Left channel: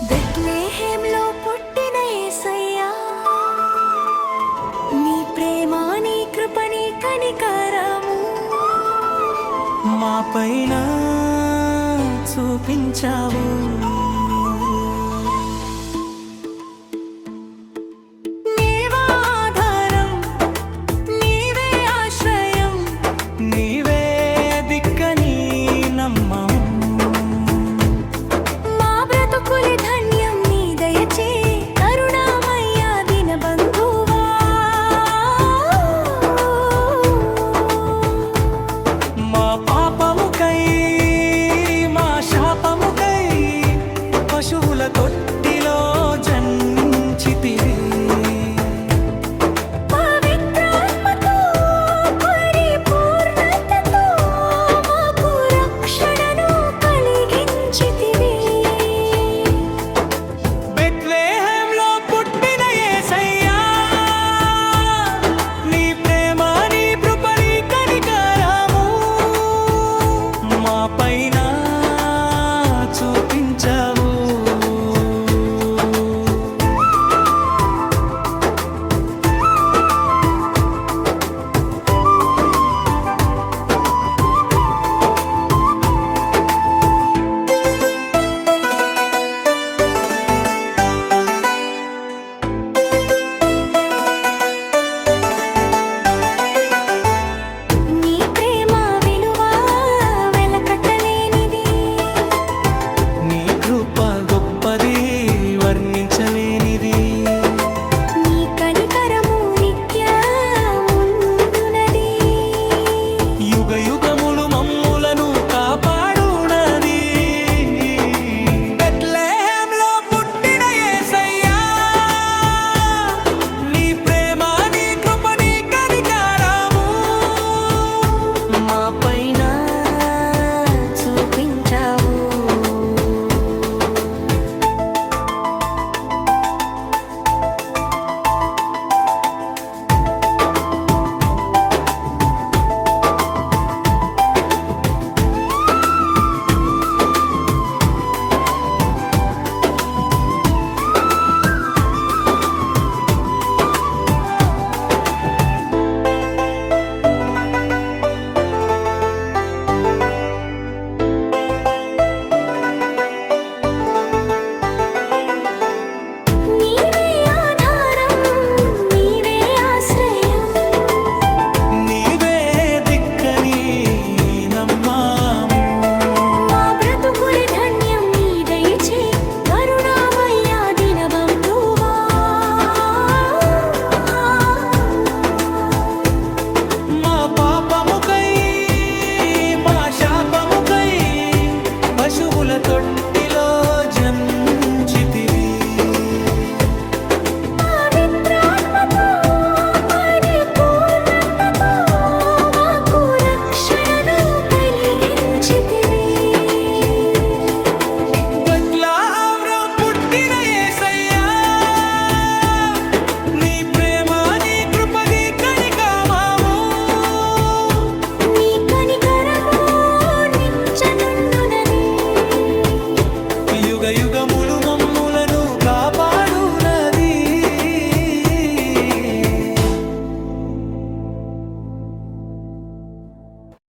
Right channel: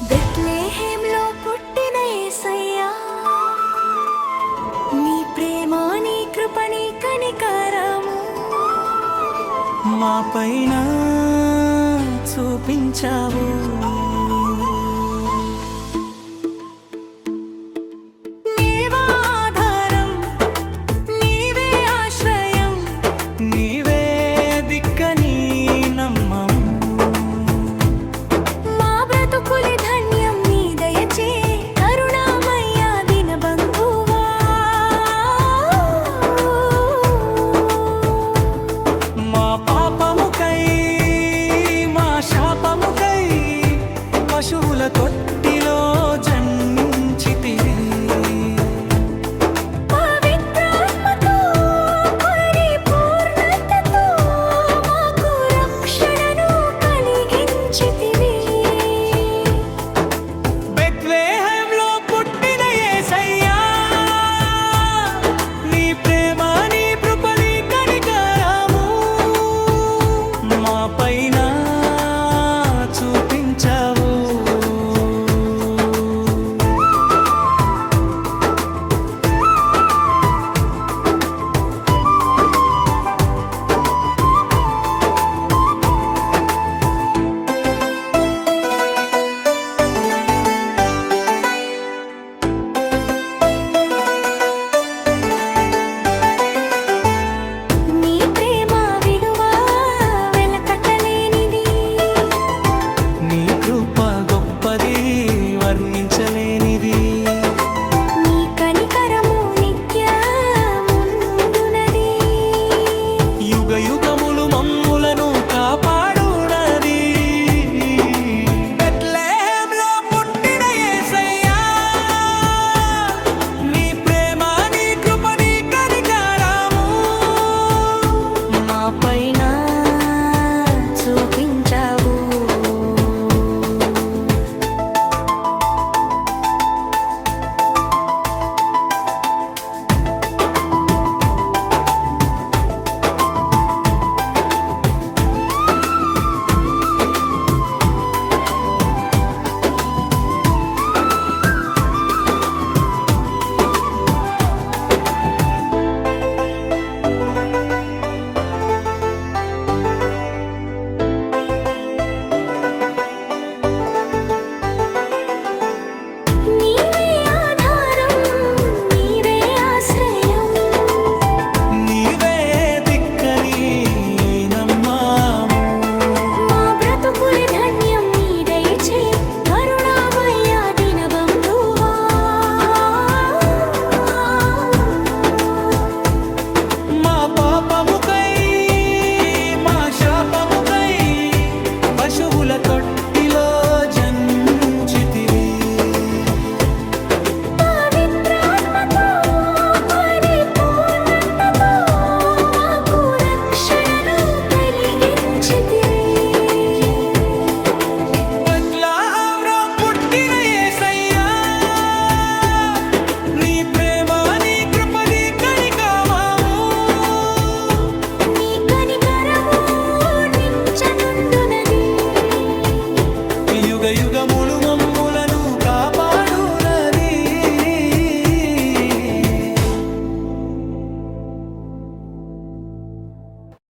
బెత్లెహేంలో పుట్టిన యేసయ్యా నీ ప్రేమ నీ కృప నీ కనికరము మా పైన చూపించావు. నీవే ఆధారం నీవే ఆశ్రయం నీవే దిక్కని కై మా శాపముకై పశువుల తొట్టిలో జన్మించి తిరిగి మా చూపించావు. నమ్మాము మా బ్రతుకులి ధన్యం నీ దయచే కరుణామయ్య దిన బంధువా మా పాపముకై మా శాపముకై పశువుల తొట్టిలో జన్చితివి. yuga mu